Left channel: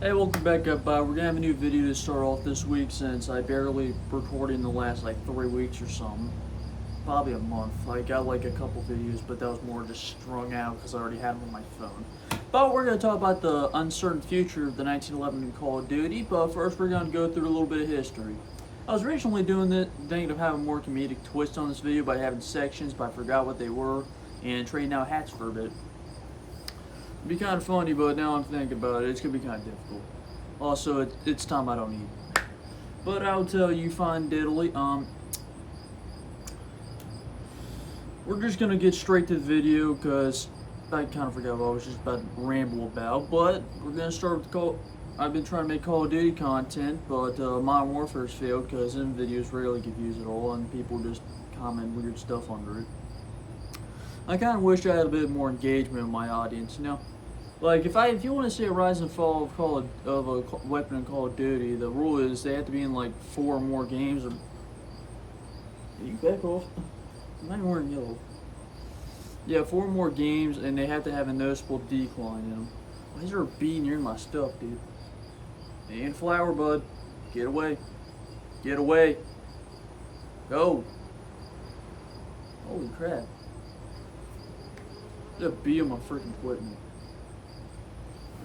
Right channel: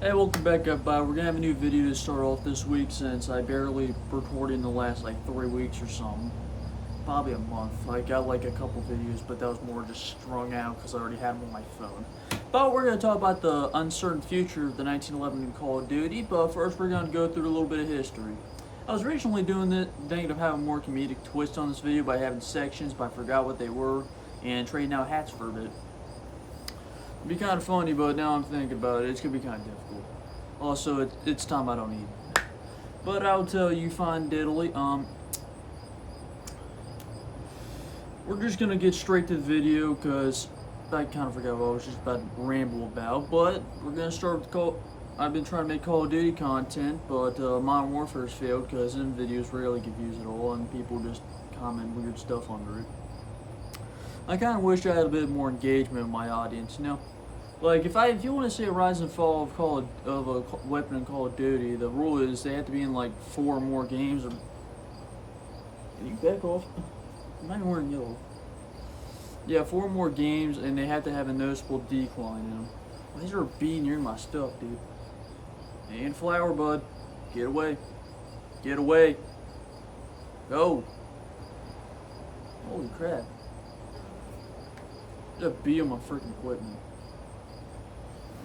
Hey, welcome back up. We're gonna have a new video to start off this week since I barely recorded in the last like 3 weeks or something. Probably a month. I got like a couple videos, but that was more just strung out because I already had them on my phone. But we're gonna talk about the uncertain future of the 1911 in Call of Duty. But first, we're gonna go through a little bit of history. I was originally doing it, thinking of having more comedic twist on this video by having sections, but I forgot what they were and trading out hats for a bit. It'd be kind of funny, but now I'm thinking about it, it's gonna be kind of difficult. Also, it's time I don't eat. But I'll tell you fine diddly. We're just gonna get straight to the video because I kind of forgot what I was just about to ramble about. But we're gonna start with I've been trying to make Call of Duty content, but Modern Warfare's failed because them videos rarely get views at all, and people just comment weird stuff under it. I kind of wish I had a bit more engagement with my audience, you know? Like, if you want to see a rise and fall of a weapon in Call of Duty, the rule is they have to be in like 4 or more games. Or can you back off? I'm not even wearing yellow. Yeah, 4 or more games, and they have to have a noticeable decline in them. Why is there a bee near my stuff, dude? Ain't flower, bud. Get away. Get away. Go. Holy crap. There's a bee on my freaking equipment.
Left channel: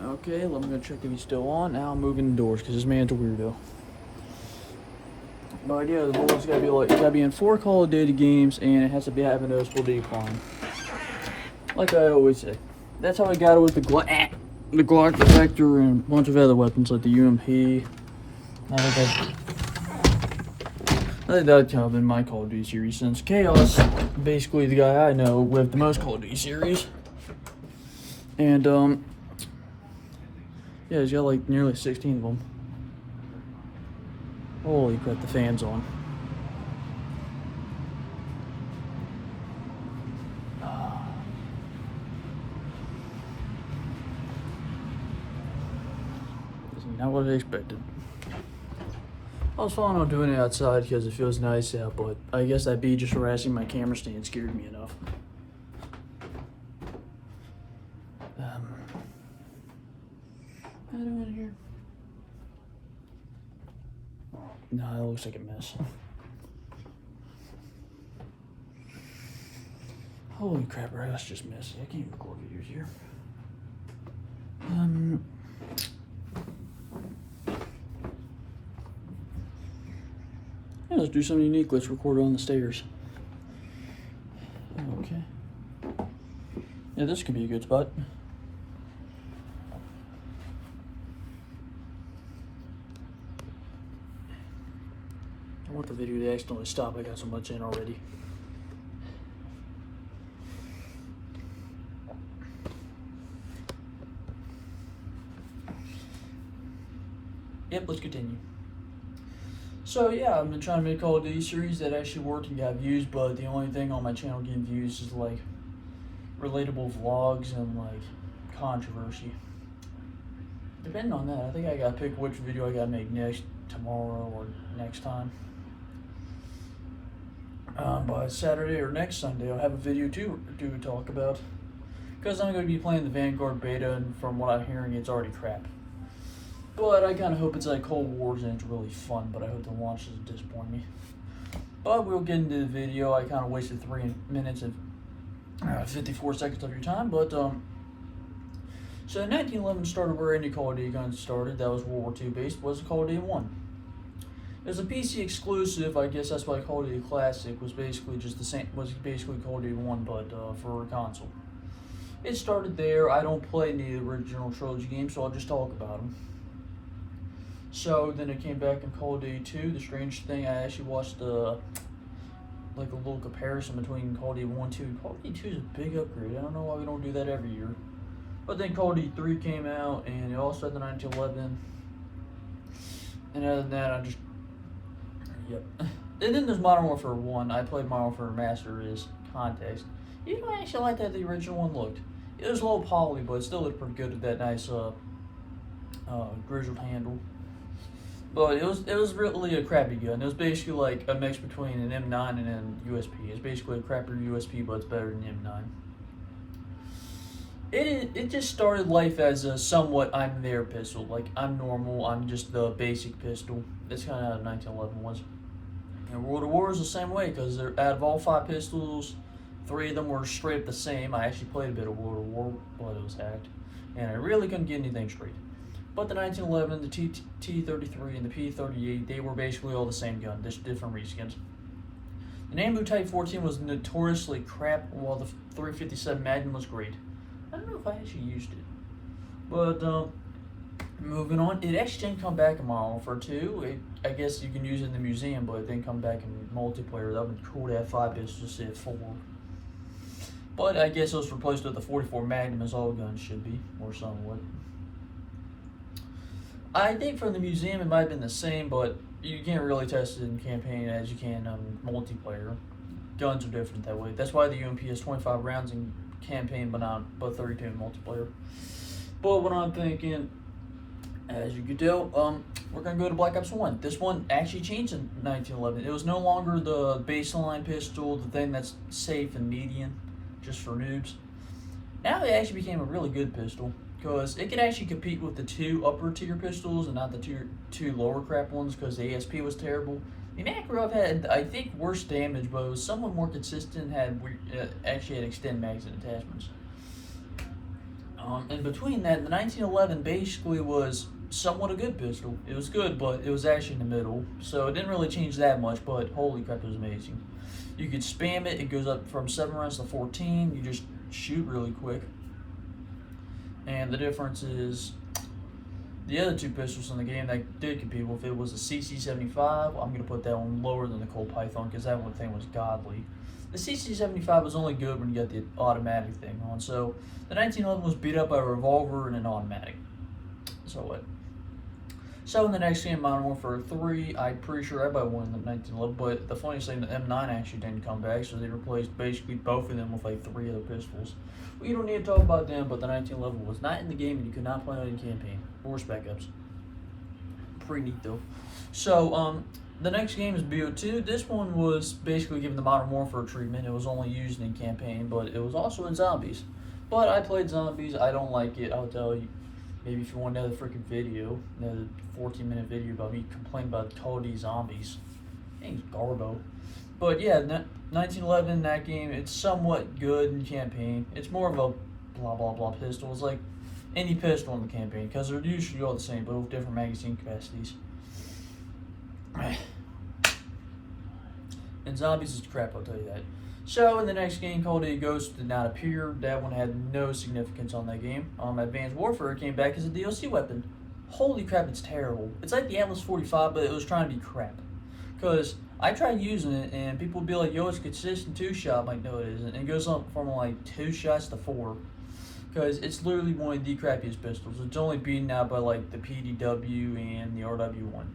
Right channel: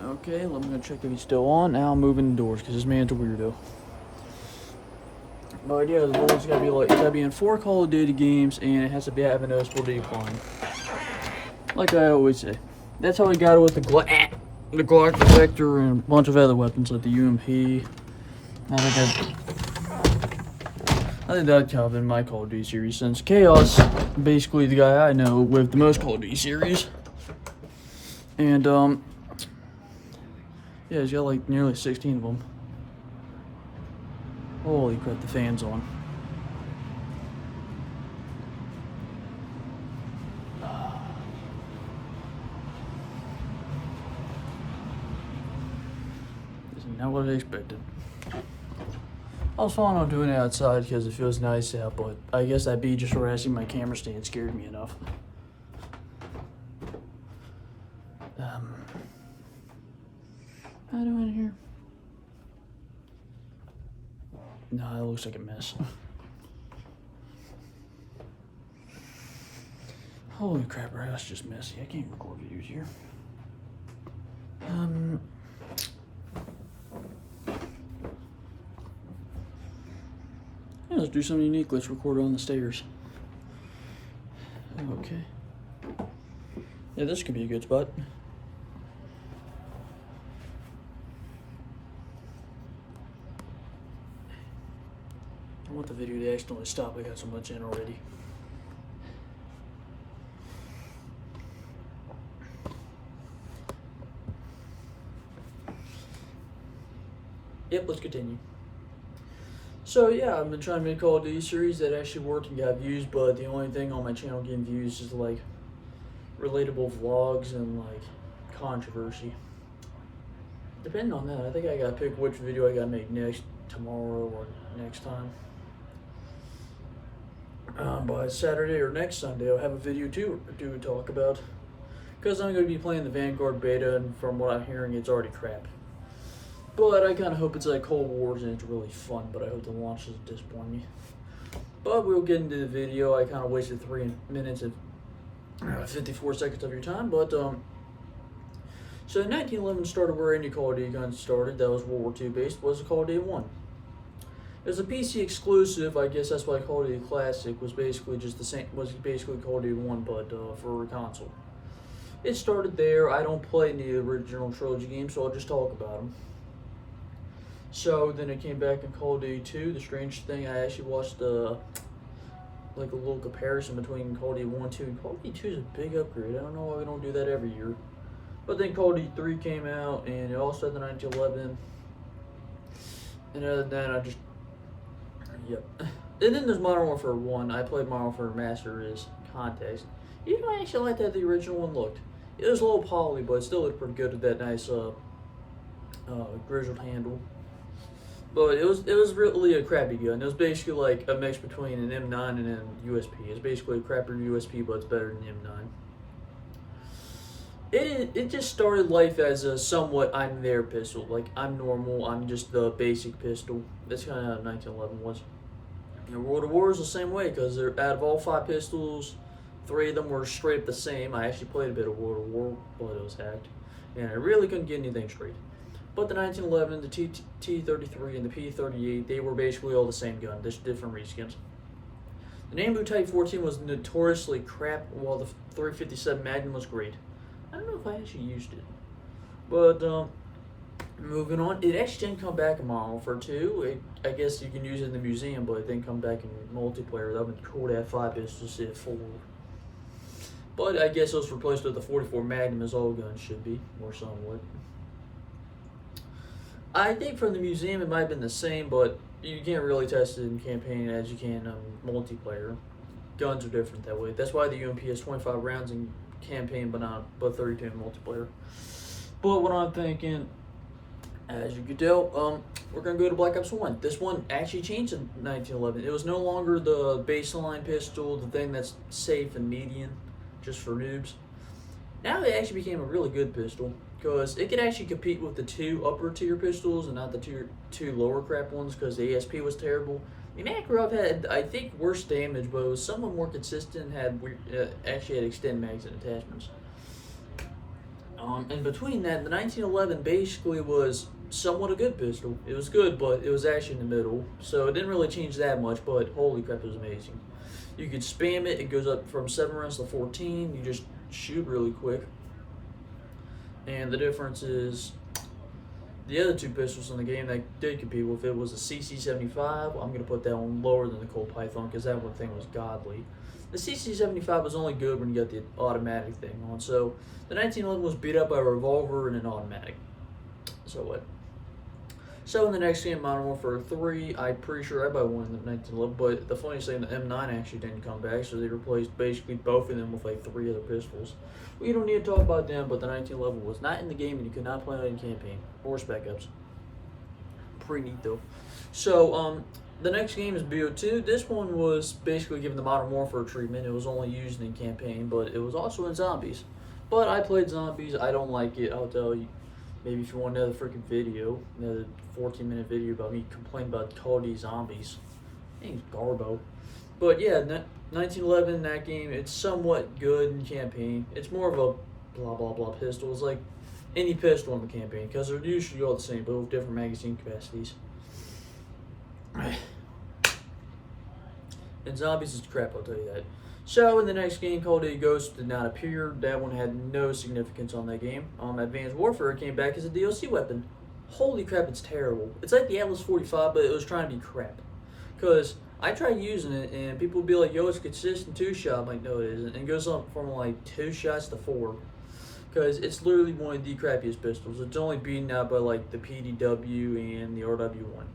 Okay, let me go check if he's still on. Now I'm moving indoors because this man's a weirdo. But yeah, the rules gotta be in 4 Call of Duty games, and it has to be have a noticeable decline. Like I always say, that's how I got it with the Glock, the Vector, and a bunch of other weapons like the UMP. I think that'd kind of been my Call of Duty series since Chaos, basically the guy I know with the most Call of Duty series, and yeah, he's got like nearly 16 of them. Holy crap, the fan's on. This is not what I expected. I was planning on doing it outside because it feels nice out, but I guess that bee just harassing my camera stand scared me enough. How do I do in here? No, that looks like a mess. Holy crap, our house is just messy. I can't record videos here. Yeah, let's do something unique. Let's record on the stairs. Okay. Yeah, this could be a good spot. I want the video to accidentally stop. I got so much in already. Yep, let's continue. So yeah, I've been trying to make a Call of Duty series that actually worked and got views, but the only thing on my channel getting views is like relatable vlogs and like controversy. Depending on that, I think I gotta pick which video I gotta make next, tomorrow or next time. By Saturday or next Sunday, I'll have a video to talk about. Because I'm going to be playing the Vanguard beta, and from what I'm hearing, it's already crap. But I kind of hope it's like Cold Wars and it's really fun, but I hope the launch doesn't disappoint me. But we'll get into the video. I kind of wasted 3 minutes and 54 seconds of your time, but so 1911 started where any Call of Duty gun started. That was World War II based, was Call of Duty 1. It was a PC exclusive. I guess that's why Call of Duty Classic was basically just the same. Was basically Call of Duty 1, but for a console. It started there. I don't play any of the original trilogy games, so I'll just talk about them. So then it came back in Call of Duty 2. The strange thing, I actually watched like a little comparison between Call of Duty 1 and 2. Call of Duty 2 is a big upgrade. I don't know why we don't do that every year. But then Call of Duty 3 came out, and it also had the 1911. And other than that, yep. And then there's Modern Warfare 1. I played Modern Warfare Master as context. You know, I actually like that the original one looked. It was a little poly, but it still looked pretty good with that nice grizzled handle. But it was really a crappy gun. It was basically like a mix between an M9 and an USP. It's basically a crappier USP, but it's better than the M9. It just started life as a somewhat I'm there pistol. Like, I'm normal, I'm just the basic pistol. That's kind of how 1911 was. And World of War is the same way, because out of all 5 pistols, 3 of them were straight up the same. I actually played a bit of World of War, but it was hacked. And I really couldn't get anything straight. But the 1911, the T33, and the P38, they were basically all the same gun, just different reskins. The Nambu Type 14 was notoriously crap, while the 357 Magnum was great. I don't know if I actually used it. But, moving on, it actually didn't come back in Modern Warfare 2. I guess you can use it in the museum, but it didn't come back in multiplayer. That would be cool to have 5 pistols instead of 4. But I guess it was replaced with the 44 Magnum, as all guns should be, or somewhat. I think from the museum it might have been the same, but you can't really test it in campaign as you can multiplayer. Guns are different that way. That's why the UMP has 25 rounds in campaign, but 32 in multiplayer. But what I'm thinking, as you can tell, we're gonna go to Black Ops 1. This one actually changed in 1911. It was no longer the baseline pistol, the thing that's safe and median, just for noobs. Now it actually became a really good pistol, because it could actually compete with the 2 upper tier pistols and not the two lower crap ones, because the ASP was terrible. The Makarov had, I think, worse damage, but it was somewhat more consistent, actually had extended magazine attachments. In between that, the 1911 basically was somewhat a good pistol. It was good, but it was actually in the middle, so it didn't really change that much, but holy crap, it was amazing. You could spam it, it goes up from 7 rounds to 14, you just shoot really quick. And the difference is, the other 2 pistols in the game that did compete with it was the CC75. I'm going to put that one lower than the Colt Python, because that one thing was godly. The CC75 was only good when you got the automatic thing on, so the 1911 was beat up by a revolver and an automatic. So what? So in the next game, Modern Warfare 3, I'm pretty sure everybody won in the 1911, but the funniest thing, the M9 actually didn't come back, so they replaced basically both of them with like 3 other pistols. We don't need to talk about them, but the 1911 was not in the game and you could not play it in campaign or Spec Ops. Pretty neat though. So, the next game is BO2. This one was basically given the Modern Warfare treatment. It was only used in campaign, but it was also in Zombies. But I played Zombies. I don't like it. I'll tell you. Maybe if you want another freaking video, another 14-minute video about me complaining about Call of Duty Zombies. I think it's Garbo. But yeah, 1911, that game, it's somewhat good in campaign. It's more of a blah blah blah pistol. It's like any pistol in the campaign, because they're usually all the same, but with different magazine capacities. And Zombies is crap, I'll tell you that. So in the next game, Call of Duty Ghosts did not appear. That one had no significance on that game. Advanced Warfare came back as a DLC weapon. Holy crap, it's terrible. It's like the Atlas 45, but it was trying to be crap. Because I tried using it, and people would be like, yo, it's consistent 2-shot. I'm like, no, it isn't. And it goes up from like 2 shots to 4. Because it's literally one of the crappiest pistols. It's only beaten out by like the PDW and the RW1.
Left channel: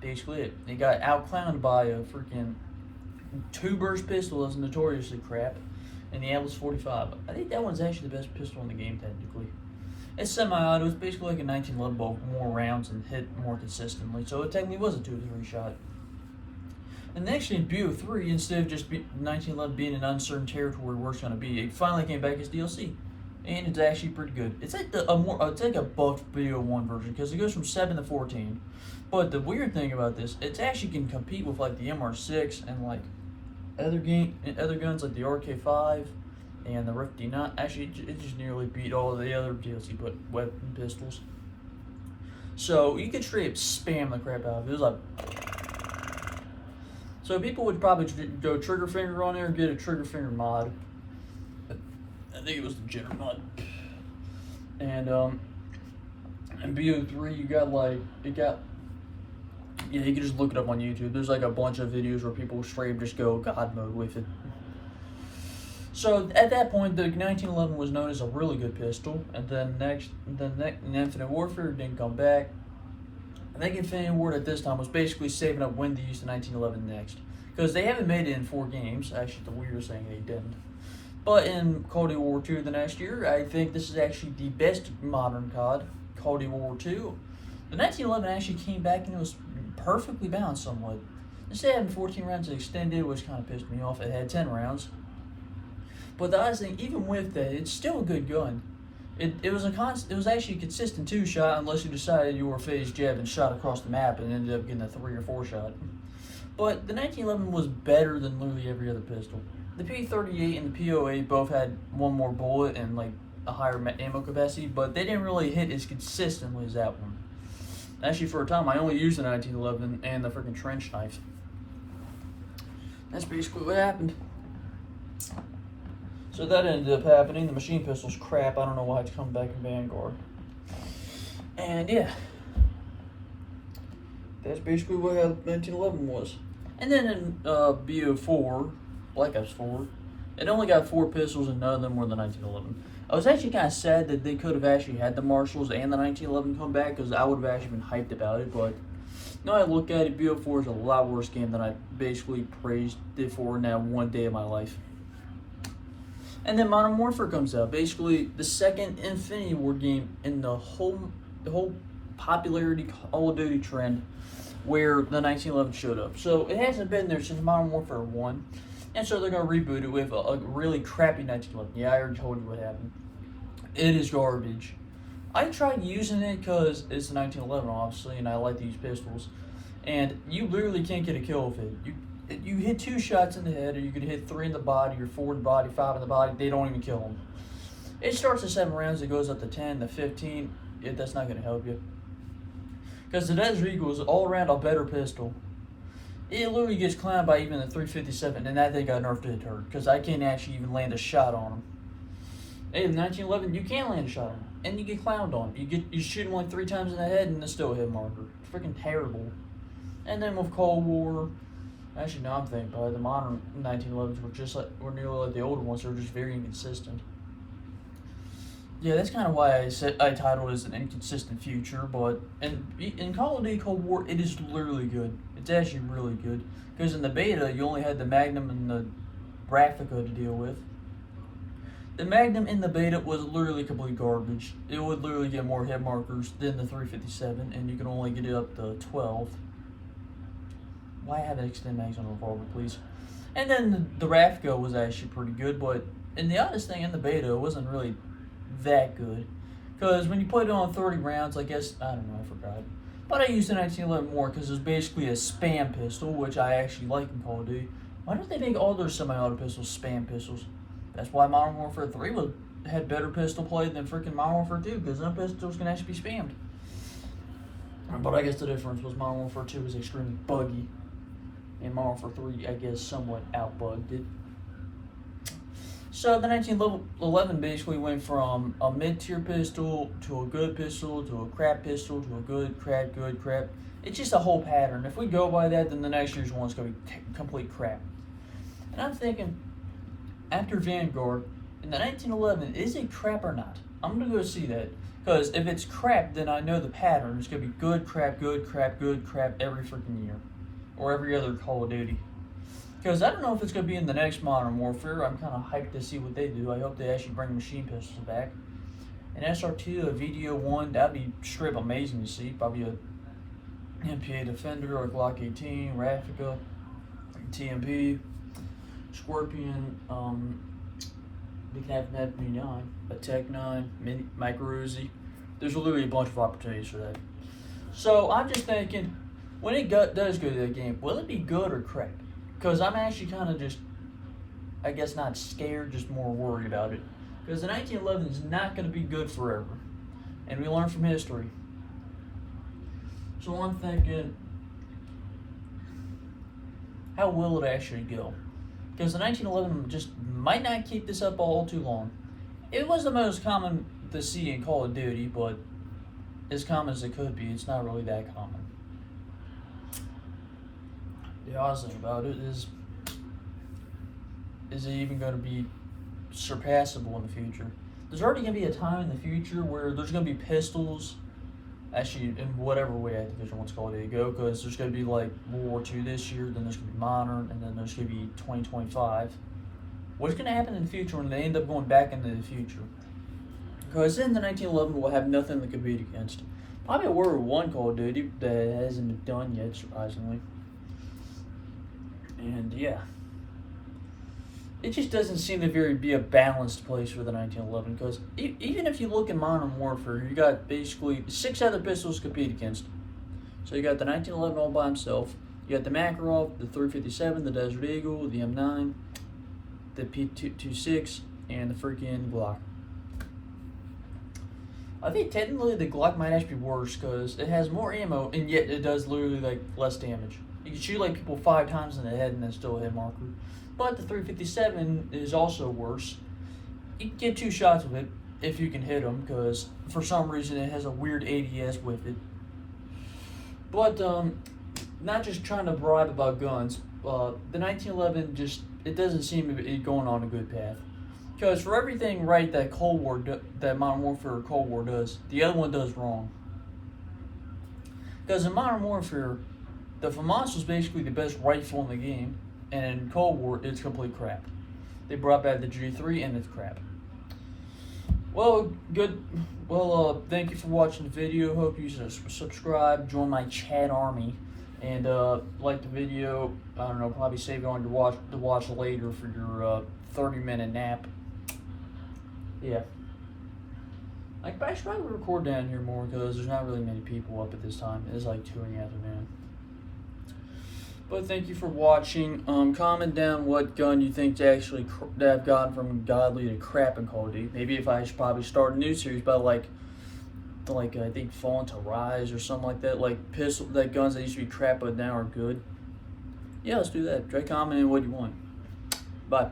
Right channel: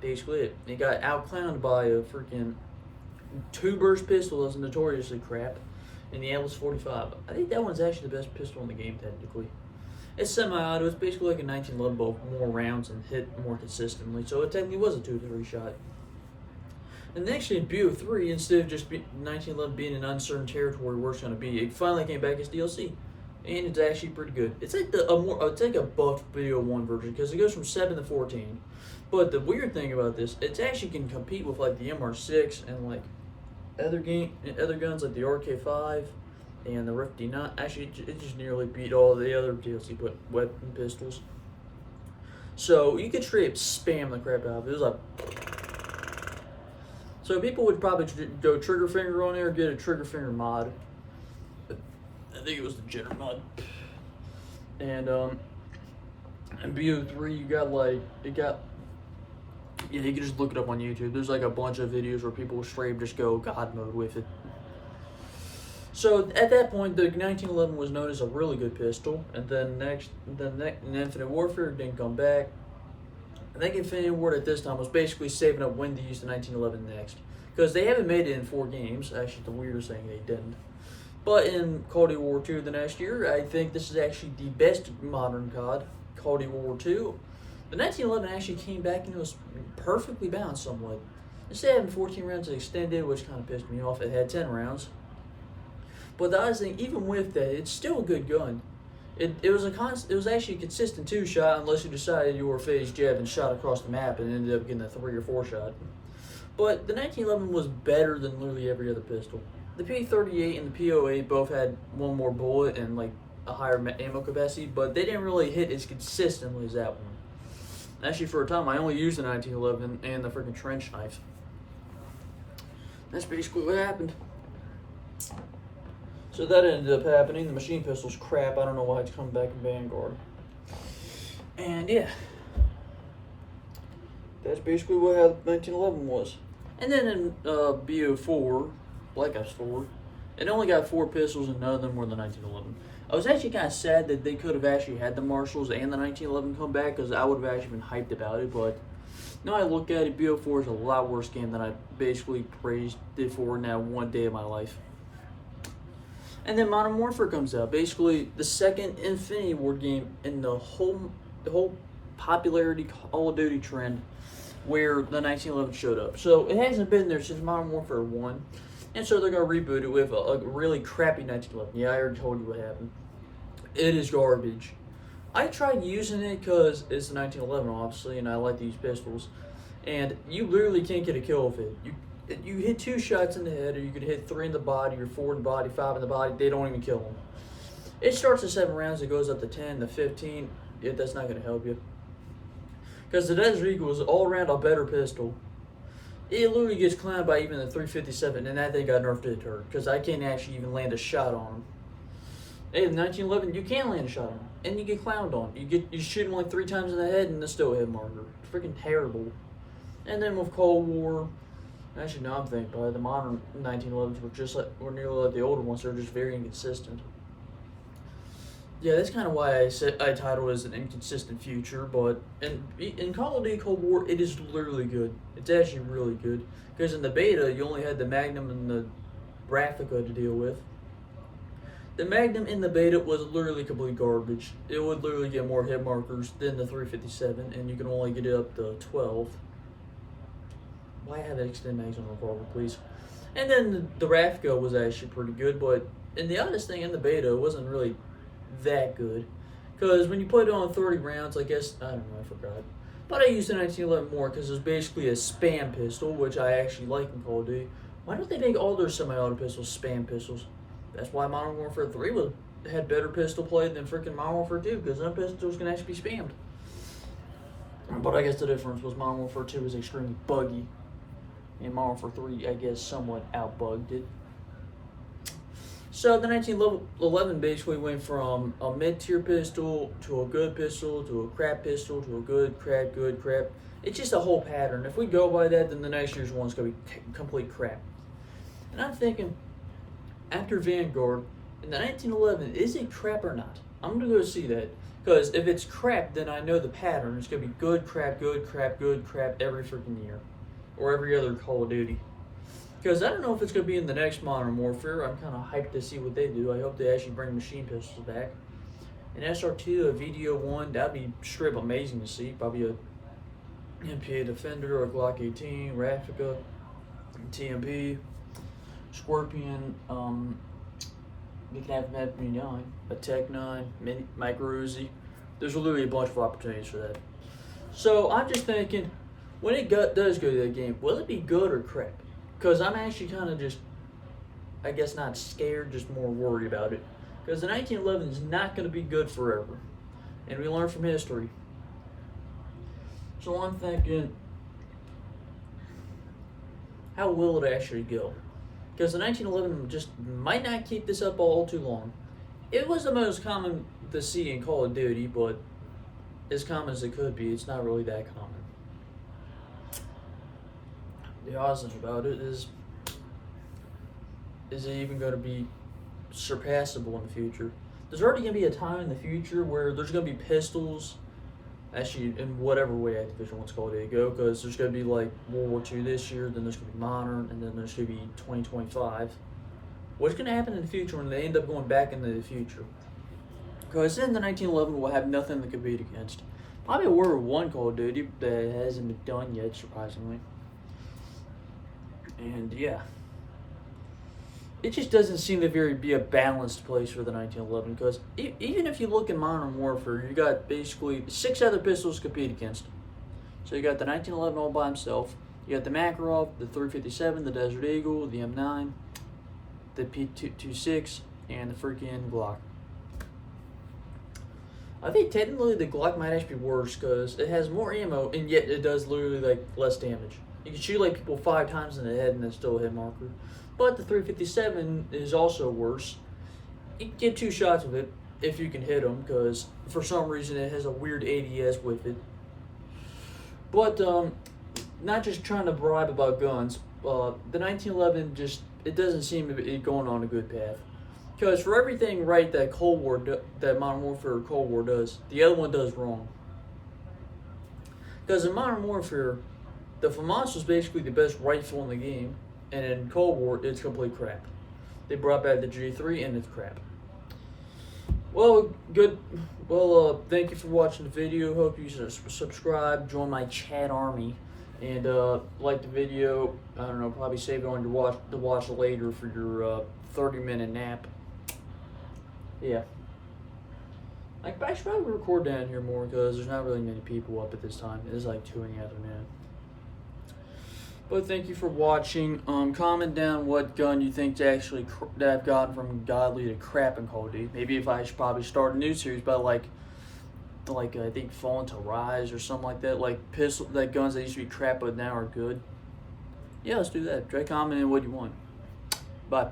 Basically it. It got outclowned by a freaking 2-burst pistol that's notoriously crap, and the Atlas 45. I think that one's actually the best pistol in the game, technically. It's semi-auto. It's basically like a 1911, but more rounds and hit more consistently, so it technically was a 2 to 3 shot. And actually in BO3, instead of just 1911 being an uncertain territory where it's going to be, it finally came back as DLC. And it's actually pretty good. It's like it's like a buffed BO1 version, because it goes from 7 to 14. But the weird thing about this, it actually can compete with like the MR6 and like other guns like the RK5 and the Rift D9. Actually, it just nearly beat all the other DLC but weapon pistols. So you could straight up spam the crap out of it. It was like, so people would probably go trigger finger on there or get a trigger finger mod. I think it was the Jenner mod. And in BO3 you got like yeah, you can just look it up on YouTube. There's like a bunch of videos where people straight up just go God mode with it. So at that point, the 1911 was known as a really good pistol, and then Infinite Warfare didn't come back. I think Infinity Ward at this time was basically saving up when to use the 1911 next, because they haven't made it in 4 games. Actually, the weirdest thing, they didn't. But in Call of Duty World War II the next year, I think this is actually the best modern COD, Call of Duty World War II. The 1911 actually came back and it was perfectly balanced somewhat. Instead of having 14 rounds extended, which kind of pissed me off, it had 10 rounds. But the other thing, even with that, it's still a good gun. It was actually a consistent 2-shot unless you decided you were phase jab and shot across the map and ended up getting a 3 or 4 shot. But the 1911 was better than literally every other pistol. The P38 and the P08 both had one more bullet and like a higher ammo capacity, but they didn't really hit as consistently as that one. Actually, for a time, I only used the 1911 and the freaking trench knife. That's basically what happened. So that ended up happening. The machine pistol's crap. I don't know why it's coming back in Vanguard. And yeah, that's basically what how 1911 was. And then in BO4, Black Ops 4, it only got 4 pistols and none of them were the 1911. I was actually kind of sad that they could have actually had the Marshalls and the 1911 come back because I would have actually been hyped about it. But now I look at it, BO4 is a lot worse game than I basically praised it for in that one day of my life. And then Modern Warfare comes out, basically the second Infinity Ward game in the whole popularity Call of Duty trend where the 1911 showed up. So it hasn't been there since Modern Warfare 1, and so they're going to reboot it with a really crappy 1911. Yeah, I already told you what happened. It is garbage. I tried using it because it's the 1911, obviously, and I like to use pistols, and you literally can't get a kill with it. You hit 2 shots in the head, or you could hit 3 in the body, or 4 in the body, 5 in the body. They don't even kill them. It starts at 7 rounds. It goes up to 10 to 15. That's not going to help you. Because the Desert Eagle is all around a better pistol. It literally gets clowned by even the 357, and that thing got nerfed to a turd. Because I can't actually even land a shot on him. Hey, in 1911, you can land a shot on him, and you get clowned on. You shoot him like 3 times in the head, and it's still a hit marker. It's freaking terrible. And then with Cold War. Actually, now I'm thinking about it, the modern 1911s were nearly like the older ones. They're just very inconsistent. Yeah, that's kind of why I titled it as an inconsistent future. But in Call of Duty Cold War, it is literally good. It's actually really good because in the beta, you only had the Magnum and the Raffica to deal with. The Magnum in the beta was literally complete garbage. It would literally get more hit markers than the 357, and you can only get it up to 12. Why have an extended mags on a revolver, please? And then the Raffica was actually pretty good, but and the honest thing in the beta, it wasn't really that good. Because when you put it on 30 rounds, I guess, I don't know, I forgot. But I used the 1911 more because it was basically a spam pistol, which I actually like in Call of Duty. Why don't they make all their semi-auto pistols spam pistols? That's why Modern Warfare 3 had better pistol play than freaking Modern Warfare 2, because them pistols can actually be spammed. But I guess the difference was Modern Warfare 2 was extremely buggy. And Modern Warfare 3, I guess, somewhat outbugged it. So the 1911 basically went from a mid-tier pistol to a good pistol to a crap pistol to a good, crap, good, crap. It's just a whole pattern. If we go by that, then the next year's one's going to be complete crap. And I'm thinking, after Vanguard, in the 1911, is it crap or not? I'm going to go see that. Because if it's crap, then I know the pattern. It's going to be good, crap, good, crap, good, crap every freaking year. Or every other Call of Duty. Because I don't know if it's going to be in the next Modern Warfare. I'm kind of hyped to see what they do. I hope they actually bring machine pistols back. An SR2, a VDO1, that'd be straight up amazing to see. Probably a MPA Defender, a Glock 18, Raffica, TMP, Scorpion, they can have an MP9, a Tech 9, Micro Uzi. There's literally a bunch of opportunities for that. So I'm just thinking, when it does go to that game, will it be good or crap? Because I'm actually kind of just, I guess not scared, just more worried about it. Because the 1911 is not going to be good forever. And we learn from history. So I'm thinking, how will it actually go? Because the 1911 just might not keep this up all too long. It was the most common to see in Call of Duty, but as common as it could be, it's not really that common. The honest thing about it is it even going to be surpassable in the future? There's already going to be a time in the future where there's going to be pistols, actually in whatever way Activision wants Call of Duty to go, because there's going to be like World War II this year, then there's going to be Modern, and then there's going to be 2025. What's going to happen in the future when they end up going back into the future? Because then the 1911 will have nothing to compete against. Probably a World War I Call of Duty that hasn't been done yet, surprisingly. And yeah, it just doesn't seem to be a balanced place for the 1911, because even if you look in Modern Warfare, you got basically 6 other pistols to compete against. So you got the 1911 all by himself. You got the Makarov, the 357, the Desert Eagle, the M9, the P226, and the freaking Glock. I think technically the Glock might actually be worse because it has more ammo and yet it does literally like less damage. You can shoot like people 5 times in the head and then still hit marker. But the 357 is also worse. You can get 2 shots with it if you can hit them, because for some reason it has a weird ADS with it. But not just trying to bribe about guns. The 1911 it doesn't seem to be going on a good path. Because for everything right that that Modern Warfare or Cold War does, the other one does wrong. Because in Modern Warfare, the FAMAS was basically the best rifle in the game, and in Cold War, it's complete crap. They brought back the G3, and it's crap. Well, good. Well, thank you for watching the video. Hope you subscribe, join my chat army, and like the video. I don't know, probably save it on to watch later for your 30-minute nap. Yeah. I should probably record down here more because there's not really many people up at this time. It is like 2 in the afternoon. But thank you for watching. Comment down what gun you think that I've gotten from godly to crap in Call of Duty. Maybe if I should probably start a new series about like I think Fallen to Rise or something like that. Like guns that used to be crap but now are good. Yeah, let's do that. Try commenting what you want. Bye.